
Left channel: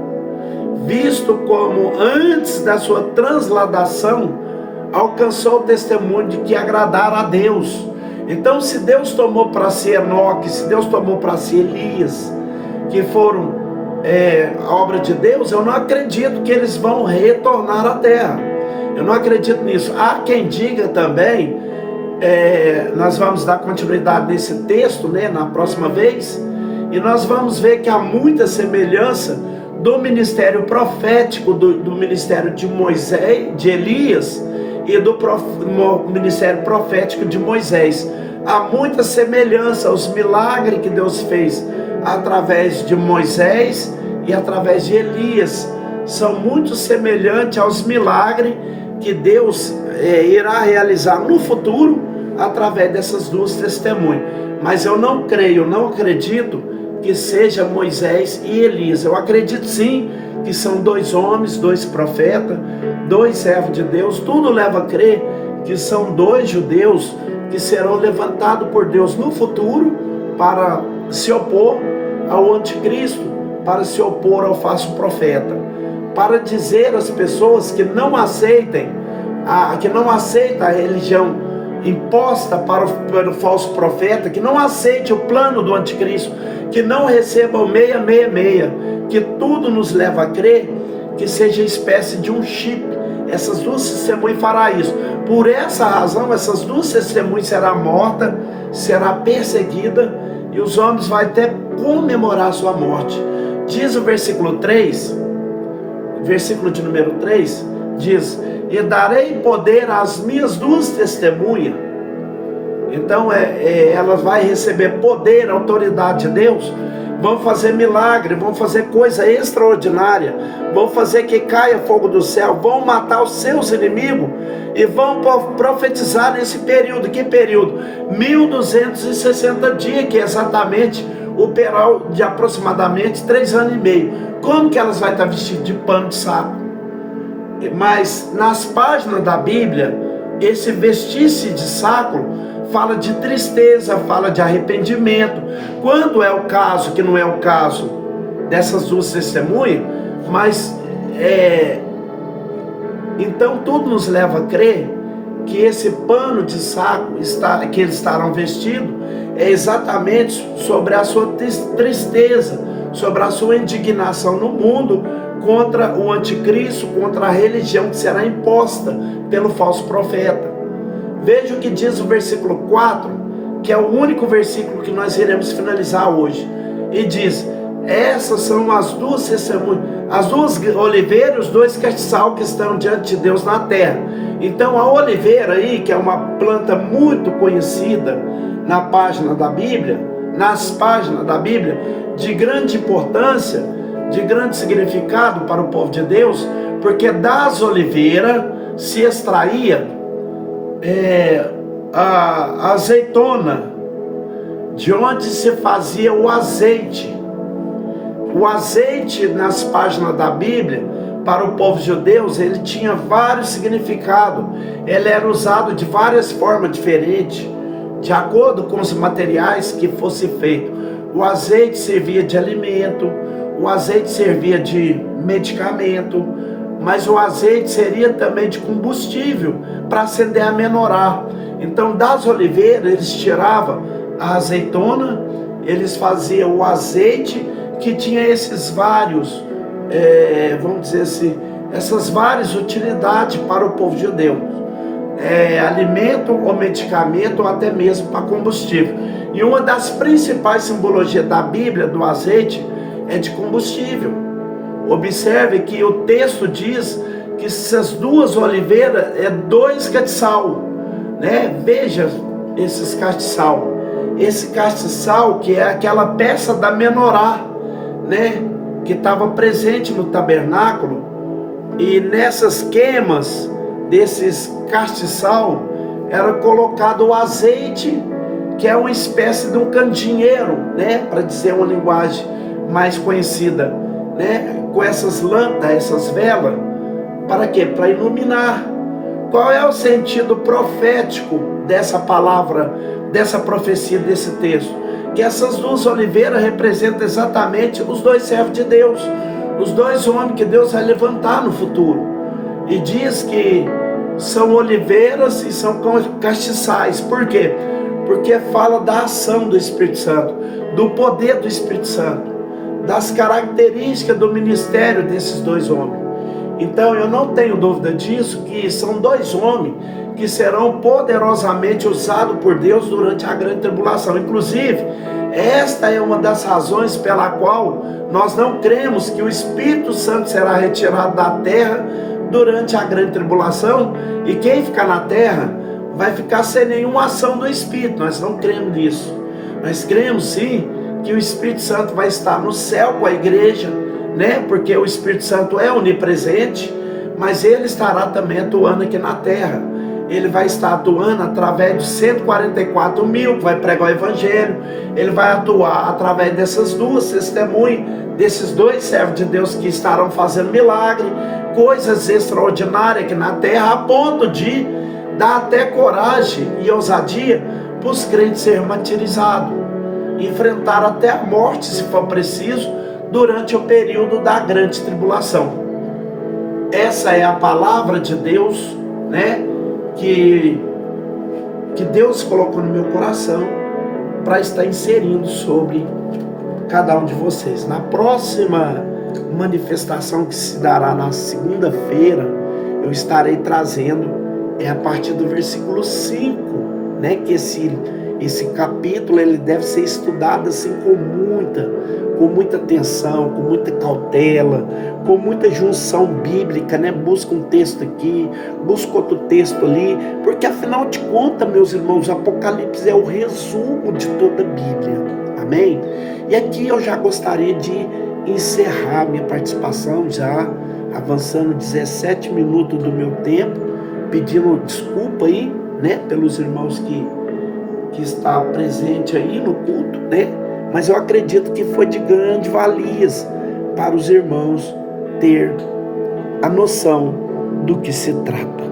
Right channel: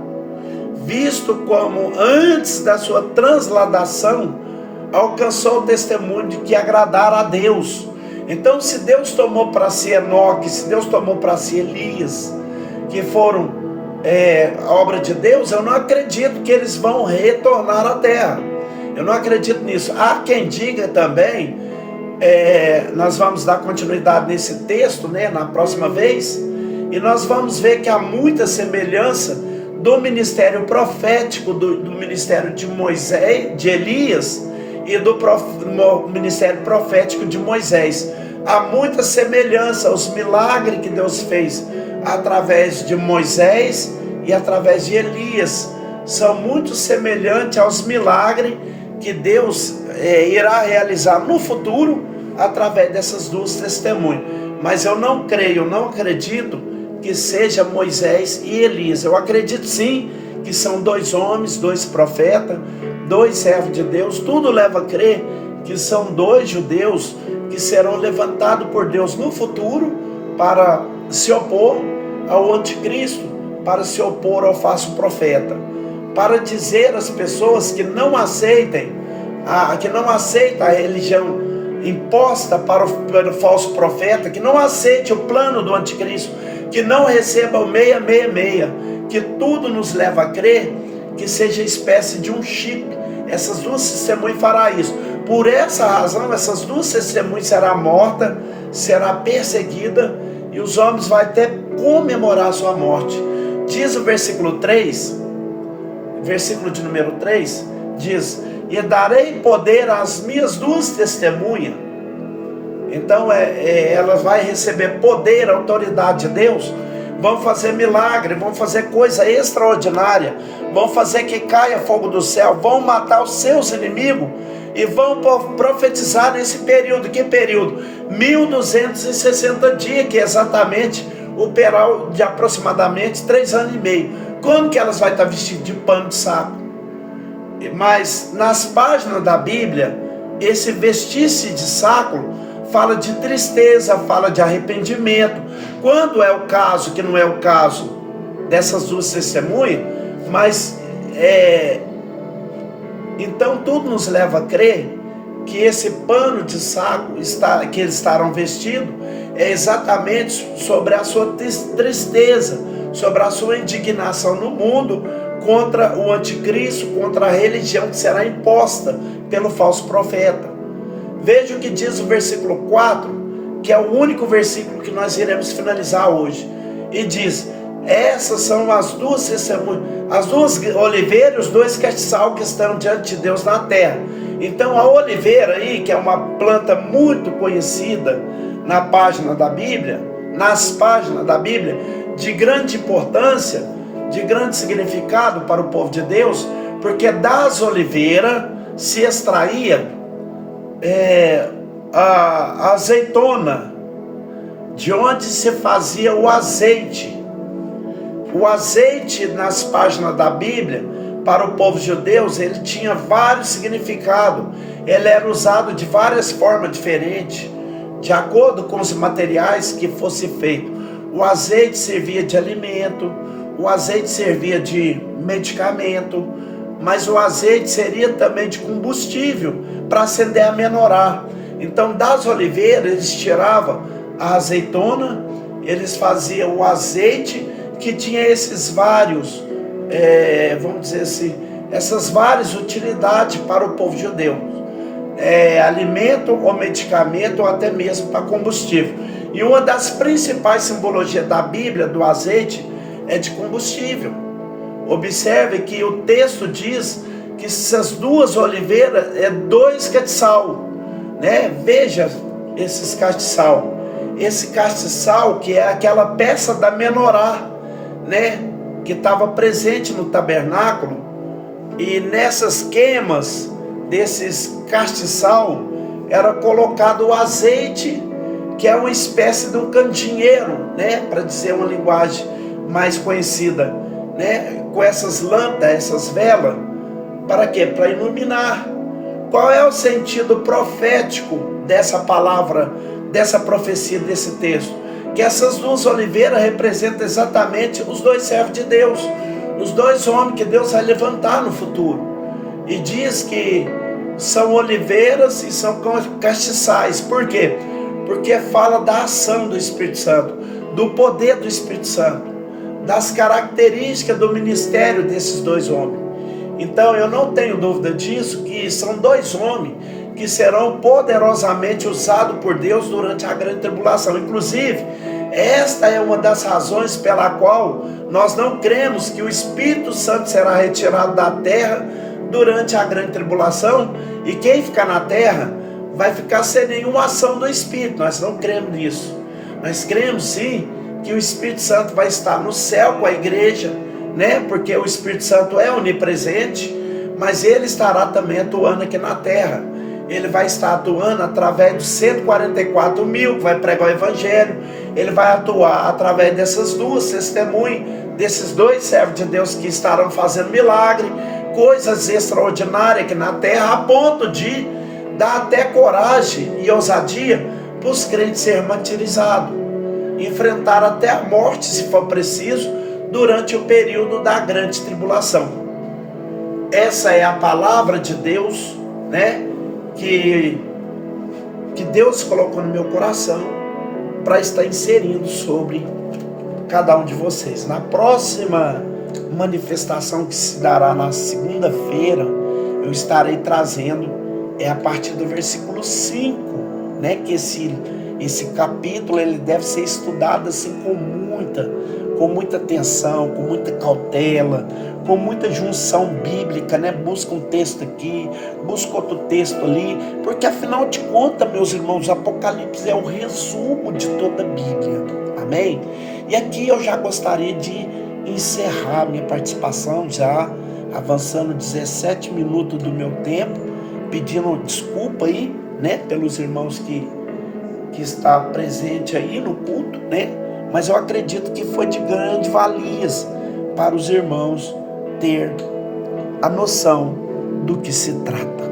visto como antes da sua transladação alcançou o testemunho de que agradara a Deus. Então, se Deus tomou para si Enoque, se Deus tomou para si Elias, que foram a obra de Deus, eu não acredito que eles vão retornar à terra. Eu não acredito nisso. Há quem diga também, nós vamos dar continuidade nesse texto, na próxima vez, e nós vamos ver que há muita semelhança do ministério profético, do ministério de Moisés, de Elias, e do ministério profético de Moisés. Há muita semelhança aos milagres que Deus fez através de Moisés e através de Elias. São muito semelhantes aos milagres que Deus irá realizar no futuro através dessas duas testemunhas. Mas eu não creio, não acredito que seja Moisés e Elias. Eu acredito sim que são dois homens, dois profetas, dois servos de Deus. Tudo leva a crer que são dois judeus que serão levantados por Deus no futuro para se opor ao anticristo, para se opor ao falso profeta, para dizer às pessoas que não aceitem a religião imposta pelo falso profeta, que não aceite o plano do anticristo, que não receba o 666, que tudo nos leva a crer que seja espécie de um chip. Essas duas testemunhas fará isso. Por essa razão, essas duas testemunhas será morta, será perseguida, e os homens vão até comemorar a sua morte. Diz o versículo 3, versículo de número 3, diz: e darei poder às minhas duas testemunhas. Então ela vai receber poder, autoridade de Deus. Vão fazer milagre, vão fazer coisa extraordinária, vão fazer que caia fogo do céu, vão matar os seus inimigos e vão profetizar nesse período. Que período? 1260 dias, que é exatamente o período de aproximadamente 3 anos e meio. Como que elas vão estar vestidas de pano de saco? Mas nas páginas da Bíblia, esse vestir-se de saco fala de tristeza, fala de arrependimento. Quando é o caso, que não é o caso dessas duas testemunhas, mas então tudo nos leva a crer que esse pano de saco que eles estarão vestidos é exatamente sobre a sua tristeza, sobre a sua indignação no mundo contra o anticristo, contra a religião que será imposta pelo falso profeta. Veja o que diz o versículo 4, que é o único versículo que nós iremos finalizar hoje. E diz: essas são as duas testemunhas, as duas oliveiras, os dois castiçal que estão diante de Deus na terra. Então a oliveira aí, que é uma planta muito conhecida na página da Bíblia, nas páginas da Bíblia, de grande importância, de grande significado para o povo de Deus, Porque das oliveiras se extraía a azeitona, de onde se fazia o azeite. O azeite, nas páginas da Bíblia, para o povo judeu, ele tinha vários significados. Ele era usado de várias formas diferentes, de acordo com os materiais que fosse feito. O azeite servia de alimento, o azeite servia de medicamento, mas o azeite seria também de combustível para acender a menorá. Então, das oliveiras, eles tiravam a azeitona, eles faziam o azeite, que tinha esses vários, vamos dizer assim, essas várias utilidades para o povo judeu. Alimento ou medicamento, ou até mesmo para combustível. E uma das principais simbologias da Bíblia, do azeite, é de combustível. Observe que o texto diz que essas duas oliveiras é 2 castiçal, né? Veja esses castiçal. Esse castiçal, que é aquela peça da menorá, né? Que estava presente no tabernáculo, e nessas queimas desses castiçal era colocado o azeite, que é uma espécie de um candeeiro, né? Para dizer uma linguagem mais conhecida, né? Com essas lâmpadas, essas velas, para quê? Para iluminar. Qual é o sentido profético dessa palavra, dessa profecia, desse texto? Que essas duas oliveiras representam exatamente os 2 servos de Deus, os 2 homens que Deus vai levantar no futuro. E diz que são oliveiras e são castiçais. Por quê? Porque fala da ação do Espírito Santo, do poder do Espírito Santo, das características do ministério desses 2 homens. Então eu não tenho dúvida disso, que são 2 homens que serão poderosamente usados por Deus durante a grande tribulação. Inclusive, esta é uma das razões pela qual nós não cremos que o Espírito Santo será retirado da terra durante a grande tribulação, e quem ficar na terra vai ficar sem nenhuma ação do Espírito. Nós não cremos nisso. Nós cremos sim que o Espírito Santo vai estar no céu com a igreja, né? Porque o Espírito Santo é onipresente, mas ele estará também atuando aqui na terra. Ele vai estar atuando através de 144 mil que vai pregar o evangelho. Ele vai atuar através dessas 2 testemunhas, desses 2 servos de Deus que estarão fazendo milagre, coisas extraordinárias aqui na terra, a ponto de dar até coragem e ousadia para os crentes serem martirizados, enfrentar até a morte, se for preciso, durante o período da grande tribulação. Essa é a palavra de Deus, né? Que Deus colocou no meu coração para estar inserindo sobre cada um de vocês. Na próxima manifestação que se dará na segunda-feira, eu estarei trazendo a partir do versículo 5, né? Que esse capítulo ele deve ser estudado assim com muita atenção, com muita cautela, com muita junção bíblica, né? Busca um texto aqui, busca outro texto ali, porque afinal de contas, meus irmãos, Apocalipse é o resumo de toda a Bíblia, amém? E aqui eu já gostaria de encerrar minha participação, já avançando 17 minutos do meu tempo, pedindo desculpa aí, né? Pelos irmãos que está presente aí no culto, né? Mas eu acredito que foi de grande valia para os irmãos ter a noção do que se trata.